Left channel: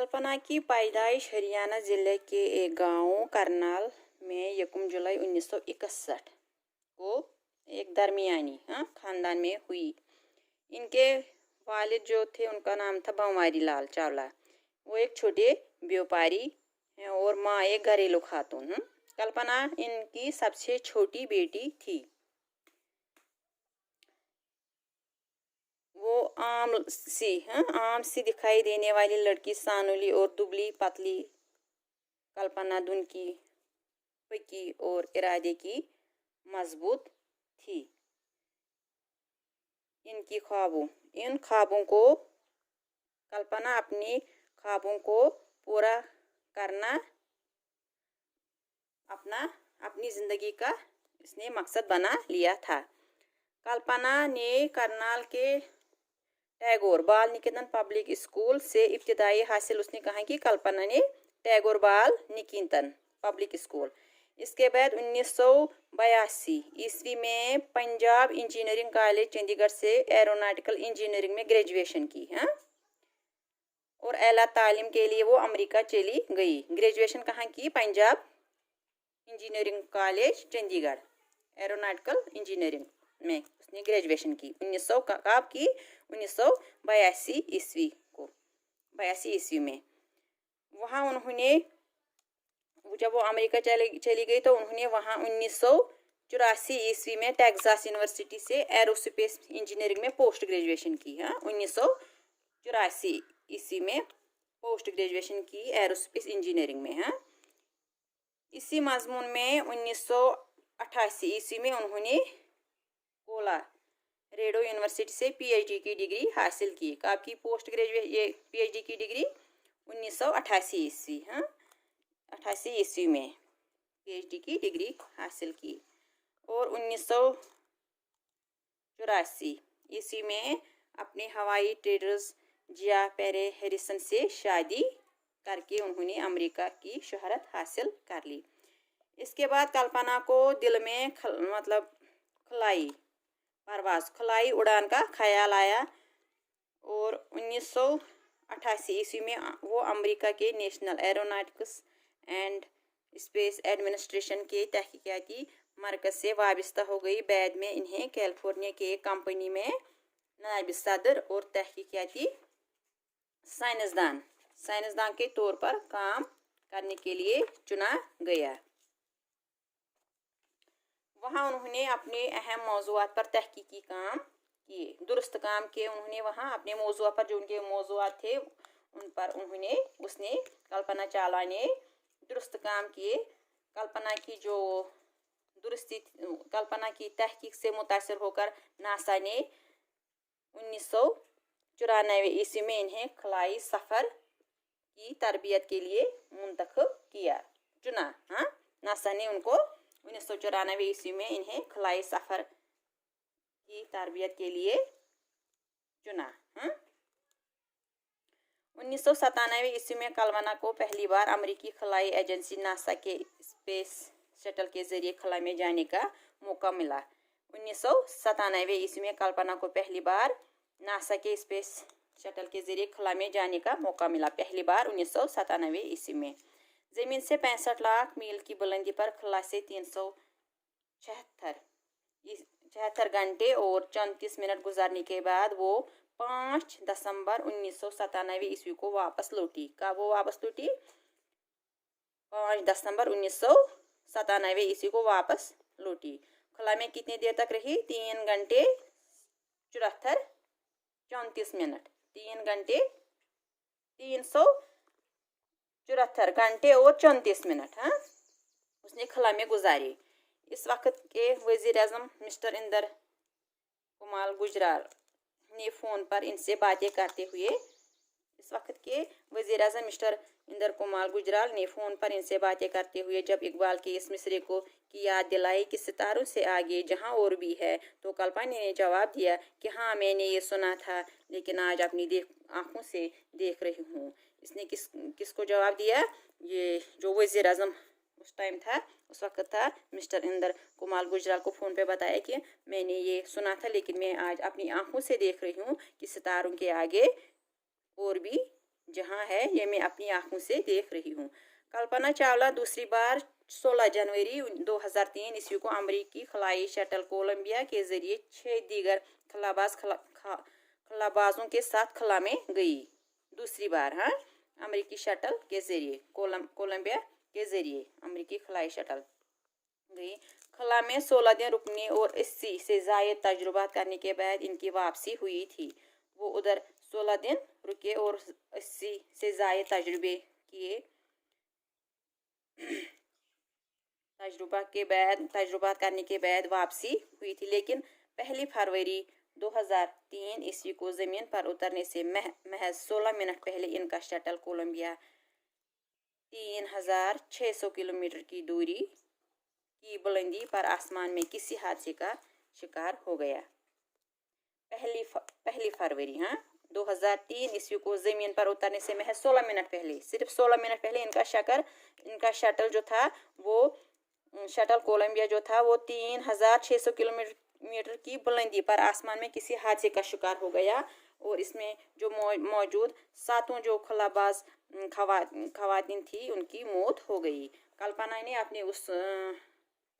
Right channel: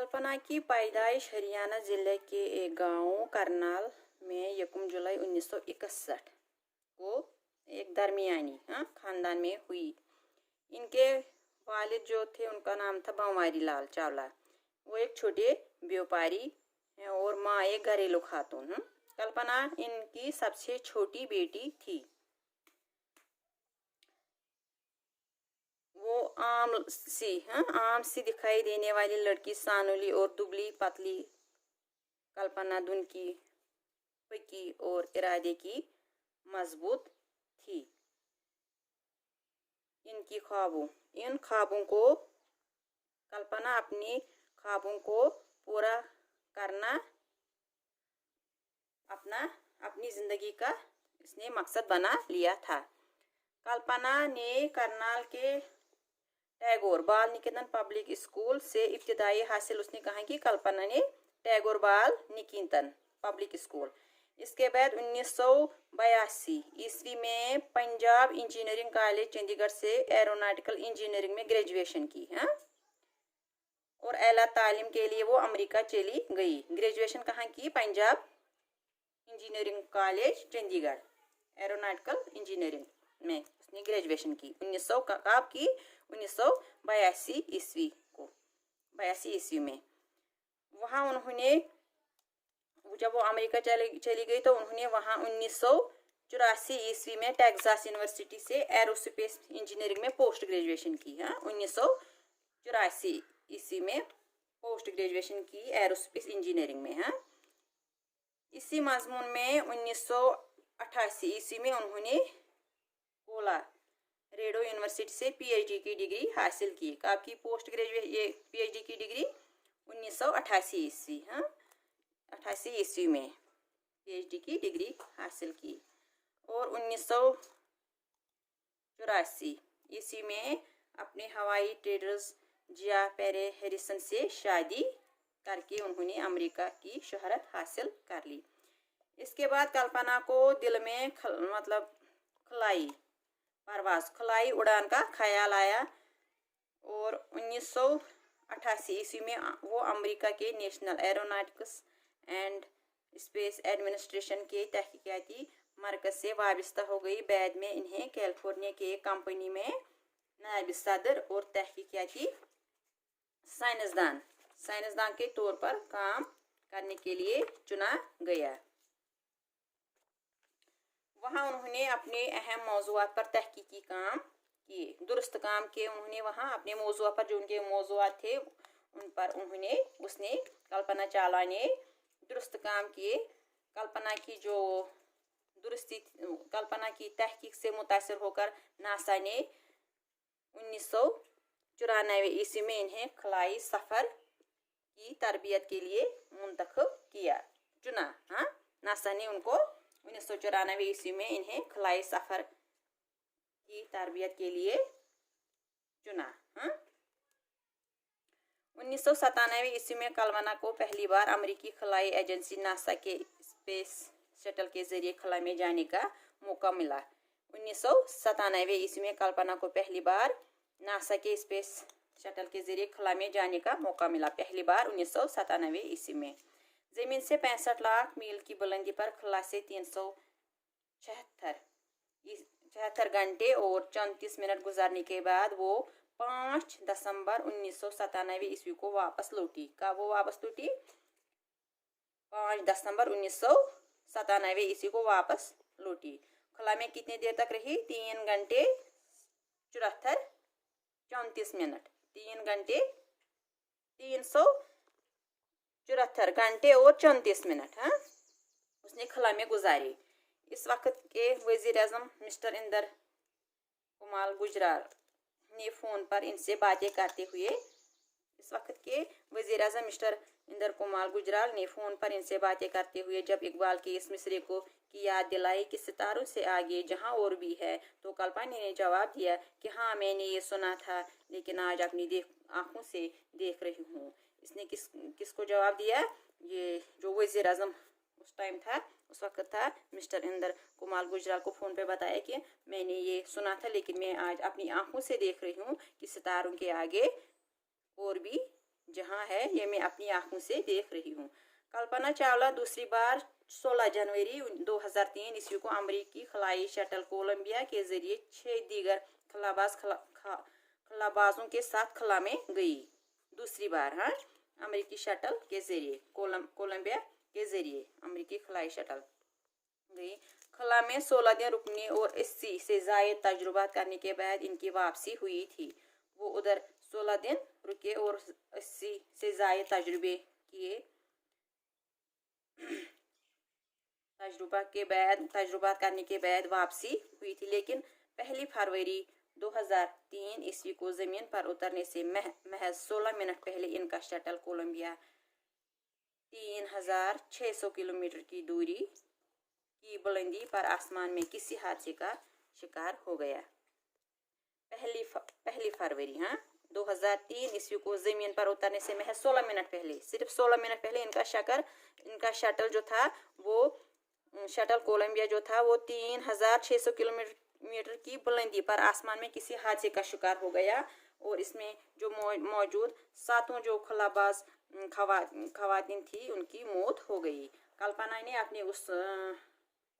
कल्पना की पैदाइश हरियाणा जिले के एक गांव करनाल में 1 जुलाई 1961 को एक दरमियानी खानदान में हुई। इनके वालिद जो थे उनका नाम था बंवारी लाल चावला। वो एक छोटे व्यापारी हैं और माँ एक घरेलू खातून। कल्पना इनकी सबसे छोटी बेटी थी। वो आम सी दिखाई देने वाली लड़की सानुली और दुबली पतली कल्पना धुन की पकी और इरादे की मजबूत थी। इन ख्वाबों को कल्पना अपने ख्वाबों को पूरा करना अपनी जिंदगी का इसने मकसद बना लिया था। कल्पना ने करनाल के टैगोर बाल निकेतन पब्लिक स्कूल से इब्तिदाई हासिल उसने कहा कि कल्पना ने टैगोर बाल निकेतन पब्लिक स्कूल। इसके बाद 1982 ईस्वी में पंजाब इंजीनियरिंग कॉलेज चंडीगढ़ से एरोनॉटिकल इंजीनियरिंग में ग्रेजुएशन की और आला तालीम के लिए वो अमेरिका चली गई। ग्रेजुएशन कहाँ की? Punjab engineering college Chandigarh aeronautical engineering में उसने ग्रेजुएशन की। 1982 ईस्वी में वहाँ उन्होंने जब वो अमेरिका चली गई तो उन्होंने वहाँ 1984 ईस्वी में टेक्सास यूनिवर्सिटी से एरोस्पेस इंजीनियरिंग में पोस्ट ग्रेजुएशन की। 1984 ईस्वी में पोस्ट ग्रेजुएशन की एरोस्पेस इंजीनियरिंग में। इसी मजमून में 1988 ईस्वी में उन्होंने कोलोराडो यूनिवर्सिटी से पीएचडी की डिग्री हासिल की। आपकी पोस्ट ग्रेजुएट पीएचडी की डिग्री 1988 ईस्वी में पीएचडी की डिग्री हासिल की और 1984 ईस्वी में अपने हवाई ट्रेडर्स जिया पेरे हैरिसन से शादी करके उन्होंने अमेरिका की शोहरत हासिल कर ली। इसके बाद कल्पना को दिल में खलाई उड़ान का ख्याल आया और 1988 ईस्वी में वो अमेरिका के national aeronautics and space administration के तहकीकाती मरकज से वाबस्ता हो गई। बाद में इन्हें कैलिफोर्निया के एक कंपनी में नायब सदर और तहकीकाती साइंसदान के तौर पर काम करने के लिए चुना गया। वहाँ उन्होंने अपने अहम मौज़ूआत पर तहकीकी काम किए, दुरुस्त काम किए। उन्होंने वहाँ अपने मौज़ूआत पर जो उनके मौज़ूआत थे उन पर उसने कल्पना चावला ने दुरुस्त काम किए। कल्पना की तहकीक से मुतासिर होकर नासा ने 1994 ईस्वी में इन्हें खलाई सफ़र की तरबियत के लिए मुंतखब चुना। नासा ने उनको 1994 ईस्वी में इन्हें खलाई सफ़र की तरबियत के लिए चुना। 1997 ईस्वी में कल्पना को पहली बार अमेरिकी खलाई एजेंसी नासा के स्पेस शटल के जरिए खला में जाने का मौका मिला। 1997 ईस्वी में कल्पना को पहली बार नासा के स्पेस शटल के जरिए खला में जाने का मौका मिला। पहली बार 1997 ईस्वी में जमीन से 65 लाख मील की बुलंदी पर खला से 376 घंटे और 34 मिनट गुजारने के बाद वो 5 दिसंबर 1997 ईस्वी को वापस लौटी। कब वो वापस लौटी? 5 दिसंबर 1997 ईस्वी को वापस लौटी। खला में कितने देर तक रही? 3 घंटे 34 मिनट 374 घंटे और 34 मिनट उसने खला में गुजारी। इस वक्त के वजीर आज़म मिस्टर इंदर कुमार गुजराल ने फ़ोन पर इनसे बातें करते हुए जब इकबाल के इस मिसरे की याद दिलाई कि सितारों से आगे जहां और भी है, तो कल्पना ने जवाब दिया कि हाँ, मैंने ये सुना था, लेकिन आज अपनी आंखों से देख रही हूँ। इसने किसको जवाब दिया? ये जो वजीर आज़म उस टाइम था, उस वक्त था, मिस्टर इंदर कुमार गुजराल को फ़ोन पे बताया कि मैंने ये सुना था, लेकिन मैं आज अपनी आंखों से देख रही हूँ कि सितारों के आगे और भी जहां है ये मैं अपनी आंखों से देख रही हूँ। कल्पना चावला दूसरी बार 16 जनवरी 2003 ईस्वी को अमरीकी खलाई शटल कोलंबिया के जरिए 6 दीगर खलाबाजों के साथ खला में गई। दूसरी बार, हाँ, अमरीकी शटल के जरिए कोलंबिया के जरिए अमरीकी खलाई शटल गई। खला में 16 दिन रुकने और 80 से ज़ायद तजुर्बा करने के बाद इनकी वापसी हुई थी। वो उधर 16 दिन रुके और 80 से ज़ायद तजुर्बा करने के बाद वापसी हुई थी। लेकिन 1 फरवरी 2003 ईस्वी को ज़मीन पर उतरने से महज 16 मिनट पहले इनका शटल कोलंबिया 3600 किलोमीटर की दूरी की बुलंदी पर आसमान में किसी हादसे का शिकार हो गया। 1 फरवरी 2003 ईस्वी को जमीन पर उतरने से महज 16 मिनट पहले, सिर्फ 16 मिनट पहले इनका शटल जो था वो शटल कोलंबिया जो था वो 3600 किलोमीटर की बुलंदी पर आसमान में किसी हादसे का शिकार हो गया। और इसमें जो मौजूद 7 जो खलाबाज खवातीन थी उनकी मौत हो गई। कल्पना ने अपने उस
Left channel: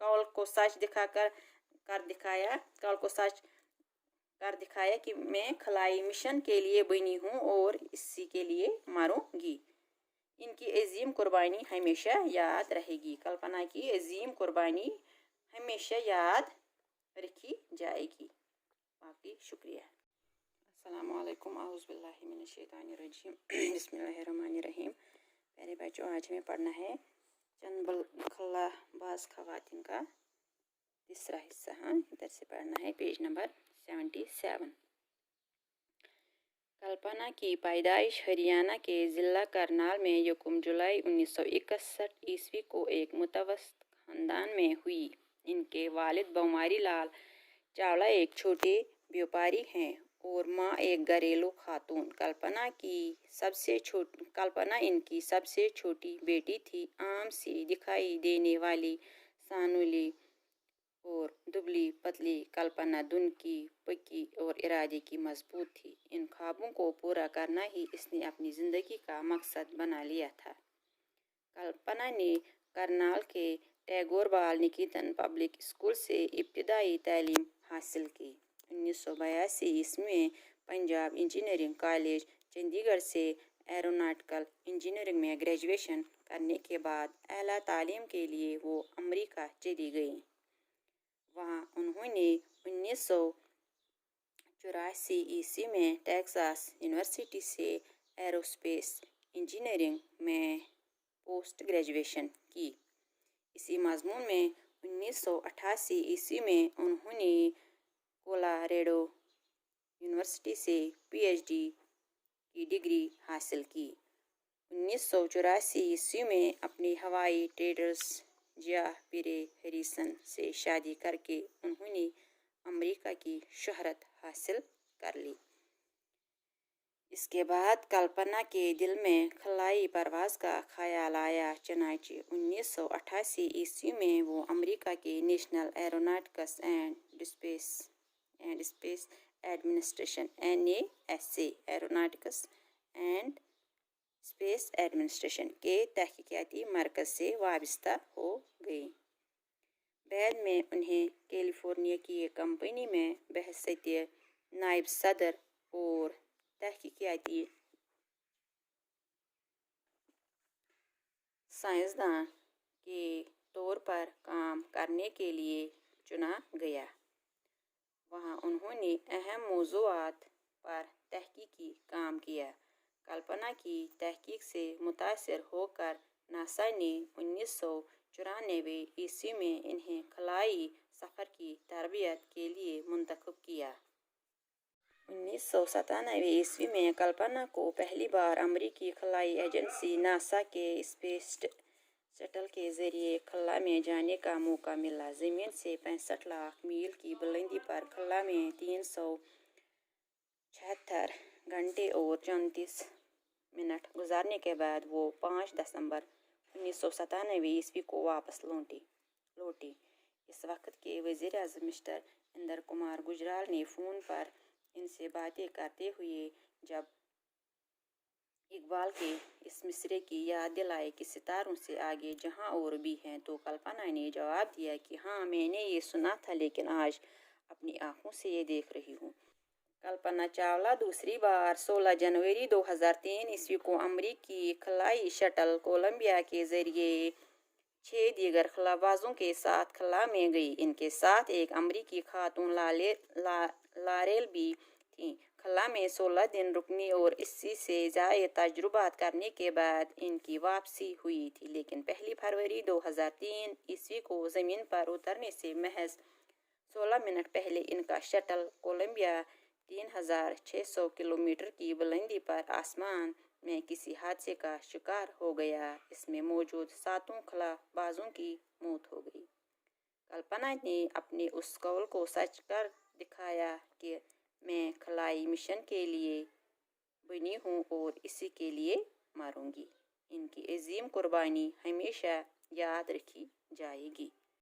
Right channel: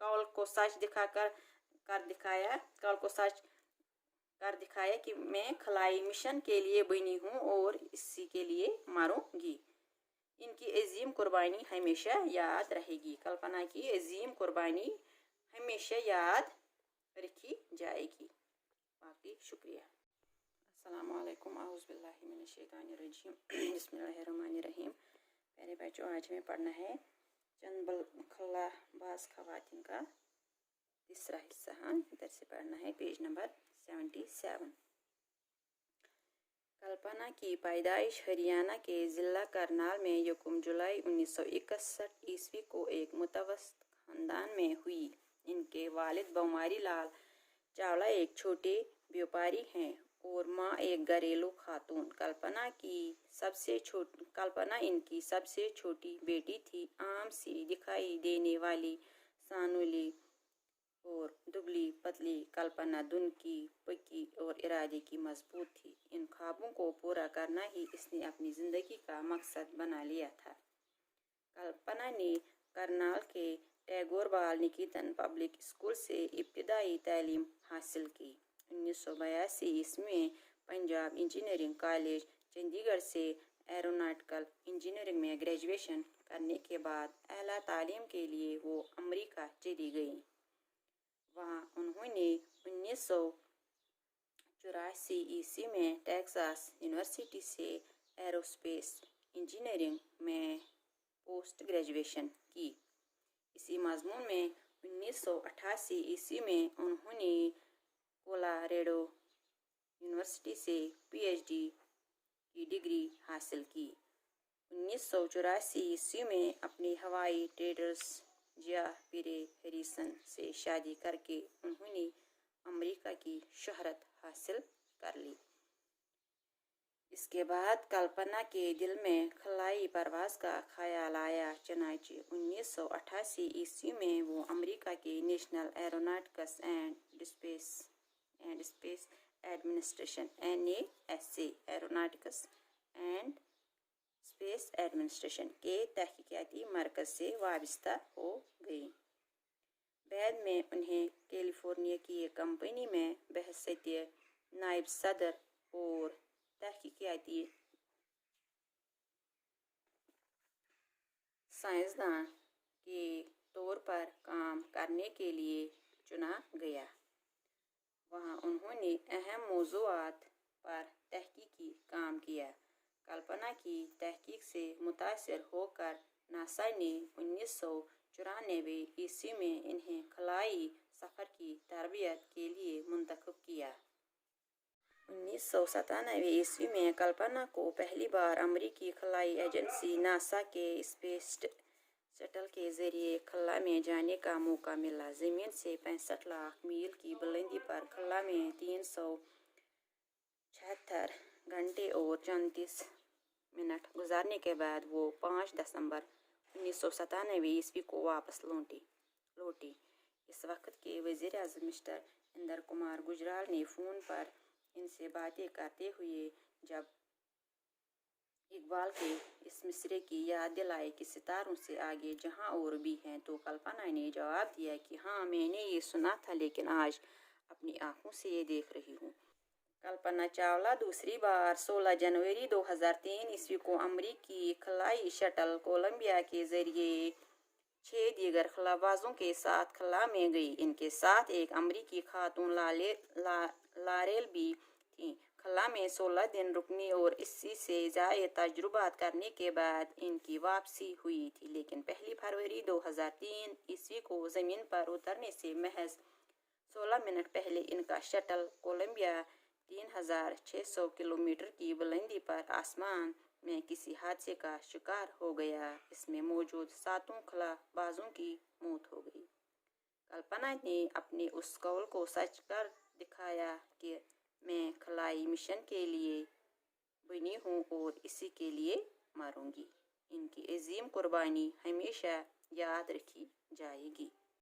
कौल को सच कर दिखाया कि मैं खलाई मिशन के लिए बनी हूँ और इसी के लिए मरूंगी। इनकी अजीम कुर्बानी हमेशा याद रहेगी। कल्पना की अजीम कुर्बानी हमेशा याद रखी जाएगी। बाकी शुक्रिया। अस्सलाम वालेकुम, औज़ुबिल्लाहि मिनश्शैतानिर्रजीम, बिस्मिल्लाहिर्रहमानिर्रहीम। प्यारे बच्चों, आज हमें पढ़ना है चंद खलाबाज खवातीन का तीसरा हिस्सा। इधर से पढ़ना है पेज नंबर 77। कल्पना की पैदाइश हरियाणा के ज़िला करनाल में 1 जुलाई 1961 ईस्वी को एक मुतवस्सित खानदान में हुई। इनके वालिद बंवारी लाल चावला एक छोटे व्यापारी हैं और माँ एक घरेलू खातून। कल्पना इनकी सबसे छोटी बेटी थी। आम सी दिखाई देने वाली सानुली और दुबली पतली कल्पना धुन की पक्की और इरादे की मजबूत थी। इन ख्वाबों को पूरा करना ही इसने अपनी ज़िंदगी का मकसद बना लिया था। कल्पना ने करनाल के टैगोर बाल निकेतन पब्लिक स्कूल से इब्तिदाई तालीम हासिल की। 1982 ईस्वी में पंजाब इंजीनियरिंग कॉलेज चंडीगढ़ से एरोनॉटिकल इंजीनियरिंग में ग्रेजुएशन करने के बाद आला तालीम के लिए वो अमेरिका चली गईं। वहाँ उन्होंने 1984 ईस्वी में टेक्सास यूनिवर्सिटी से एरोस्पेस इंजीनियरिंग में पोस्ट ग्रेजुएशन की। इसी मजमून में 1988 ईस्वी में उन्होंने कोलोराडो यूनिवर्सिटी से पीएचडी की डिग्री हासिल की। 1984 ईस्वी में अपने हवाई ट्रेडर्स जिया पीरे हैरिसन से शादी करके उन्होंने अमेरिका की शोहरत हासिल कर ली। इसके बाद कल्पना के दिल में खलाई परवाज का ख्याल आया। चनाचे 1988 ईस्वी में वो अमेरिका के national aeronautics and space administration NASA aeronautics and space administration के तहकीकाती मरकज़ से वाबस्ता हो गई। बाद में उन्हें कैलिफोर्निया की एक कंपनी में बहैसियत नायब सदर और तहकीकाती साइंसदान के तौर पर काम करने के लिए चुना गया। वहाँ उन्होंने अहम मौज़ूआत पर तहकीकी काम किया। कल्पना की तहकीक से मुतासिर होकर नासा ने 1994 ईस्वी में इन्हें खलाई सफ़र की तरबियत के लिए मुंतखब किया। 1997 ईस्वी में कल्पना को पहली बार अमेरिकी खलाई एजेंसी नासा के स्पेस शटल के जरिए खला में जाने का मौका मिला। ज़मीन से 65 लाख मील की बुलंदी पर खला में 376 घंटे और 34 मिनट गुजारने के बाद वो 5 दिसंबर 1997 ईस्वी को वापस लौटी। इस वक्त के वज़ीर आज़म मिस्टर इंदर कुमार गुजराल ने फ़ोन पर इनसे बातें करते हुए जब एक اقبال کے اس مصرے کی یاد دلائے کہ ستاروں سے آگے جہاں اور بھی ہیں، تو کلپنا نے جواب دیا کہ ہاں، میں نے یہ سنا تھا، لیکن آج اپنی آنکھوں سے یہ دیکھ رہی ہوں۔ کلپنا چاولہ دوسری بار 16 جنوری 2003 کو امریکی خلائی شٹل کولمبیا کے ذریعے 6 دیگر خلا بازوں کے ساتھ خلا میں گئی۔ ان کے ساتھ ایک امریکی خاتون لاریل بھی تھیں۔ خلا میں 16 دن رکنے اور 80 سے زائد تجربات کرنے کے بعد ان کی واپسی ہوئی تھی، لیکن پہلی فروری 2003 کو زمین پر اترنے سے محض 16 منٹ پہلے ان کا شٹل کولمبیا 3600 کلومیٹر کی بلندی پر آسمان میں کسی حادثے کا شکار ہو گیا۔ اس میں موجود 7 خلا بازوں کی موت ہو گئی۔ کلپنا نے اپنے اس قول کو سچ کر دکھایا کہ میں خلائی مشن کے لیے بنی ہوں اور اسی کے لیے مروں گی۔ ان کی عظیم قربانی ہمیشہ یاد رکھی جائے گی۔